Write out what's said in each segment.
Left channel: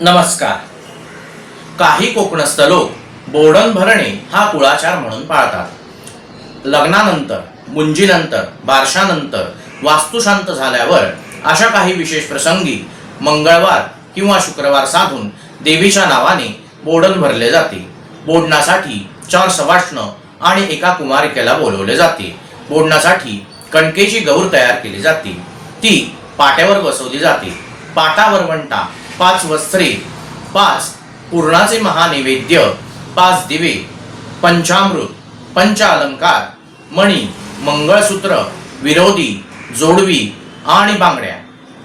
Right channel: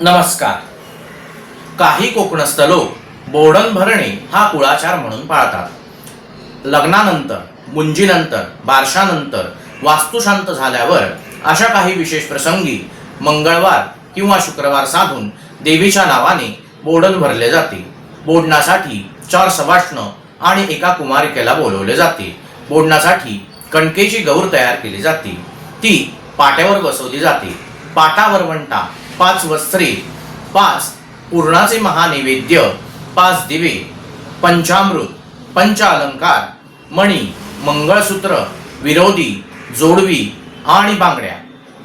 नमस्कार. काही कोकणस्थ लोक बोडण भरणे हा कुळाचार म्हणून पाळतात. लग्नानंतर, मुंजीनंतर, बारशानंतर, वास्तुशांत झाल्यावर अशा काही विशेष प्रसंगी मंगळवार किंवा शुक्रवार साधून देवीच्या नावाने बोडण भरले जाते. बोडणासाठी 4 सवाष्ण आणि एका कुमारिकेला बोलवले जाते. बोडणासाठी कणकेची गौर तयार केली जाते. ती पाट्यावर बसवली जाते. पाटा वरवंटा, 5 वस्त्रे, 5 पुरणाचे महानैवेद्य, 5 दिवे, पंचामृत, पंचालंकार, मणी, मंगळसूत्र, विरोधी, जोडवी आणि बांगड्या,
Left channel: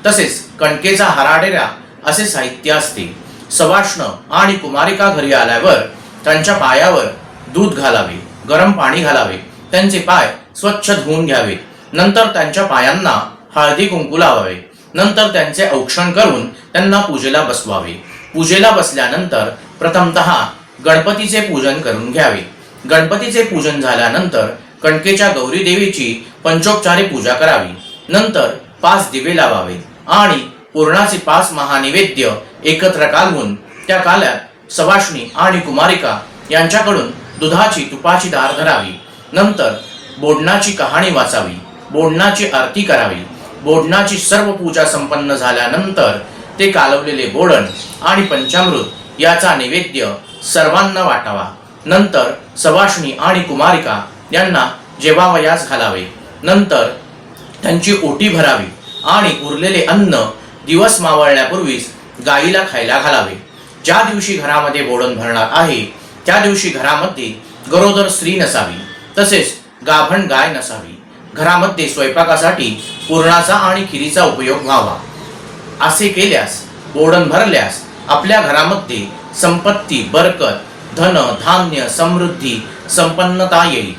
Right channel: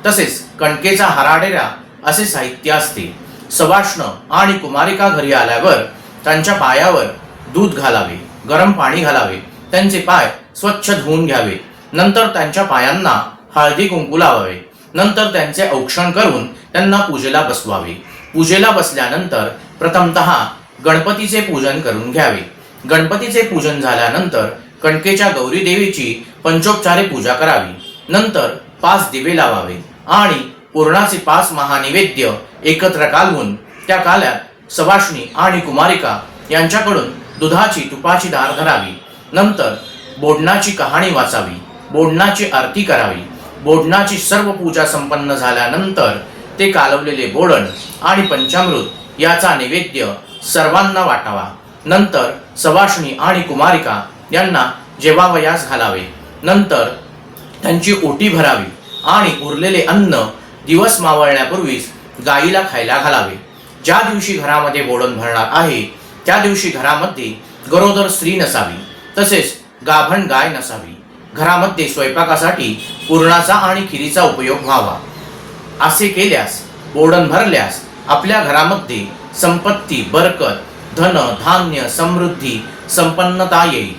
तसेच कणकेचा हराडेरा असे साहित्य असते. सवाष्ण आणि कुमारिका घरी आल्यावर त्यांच्या पायावर दूध घालावे, गरम पाणी घालावे, त्यांचे पाय स्वच्छ धुवून घ्यावे. नंतर त्यांच्या पायांना हळदी कुंकू लावावे. नंतर त्यांचे औक्षण करून त्यांना पूजेला बसवावे. पूजेला बसल्यानंतर प्रथमतः गणपतीचे पूजन करून घ्यावे. गणपतीचे पूजन झाल्यानंतर कणकेच्या गौरी देवीची पंचोपचारी पूजा करावी. नंतर 5 दिवे लावावे आणि पुरणाचे 5 महानैवेद्य एकत्र कालवून त्या काल्यात सवाष्णी आणि कुमारिका यांच्याकडून दुधाची तुपाची धार धरावी. नंतर बोडणाची कहाणी वाचावी, बोडणाची आरती करावी. बोडणाची सर्व पूजा संपन्न झाल्यानंतर ते कालवलेले बोडण आणि पंचामृत याचा नैवेद्य सर्वांना वाटावा. नंतर सवाष्णी आणि कुमारिका यांना जेवावयास घालावे. नंतर त्यांची ओटी भरावी आणि उरलेले अन्न दिवस मावळण्यापूर्वीच गाईला खायला घालावे. ज्या दिवशी घरामध्ये बोडण भरणार आहे त्या दिवशी घरामध्ये गरोदर स्त्री नसावी, तसेच गाभण गाय नसावी. घरामध्ये स्वयंपाकासाठी पुरणाचा आणि खिरीचा उपयोग व्हावा. असे केल्यास, बोडण भरल्यास आपल्या घरामध्ये संपत्ती, बरकत, धन, धान्य, समृद्धी, संपन्नता येईल.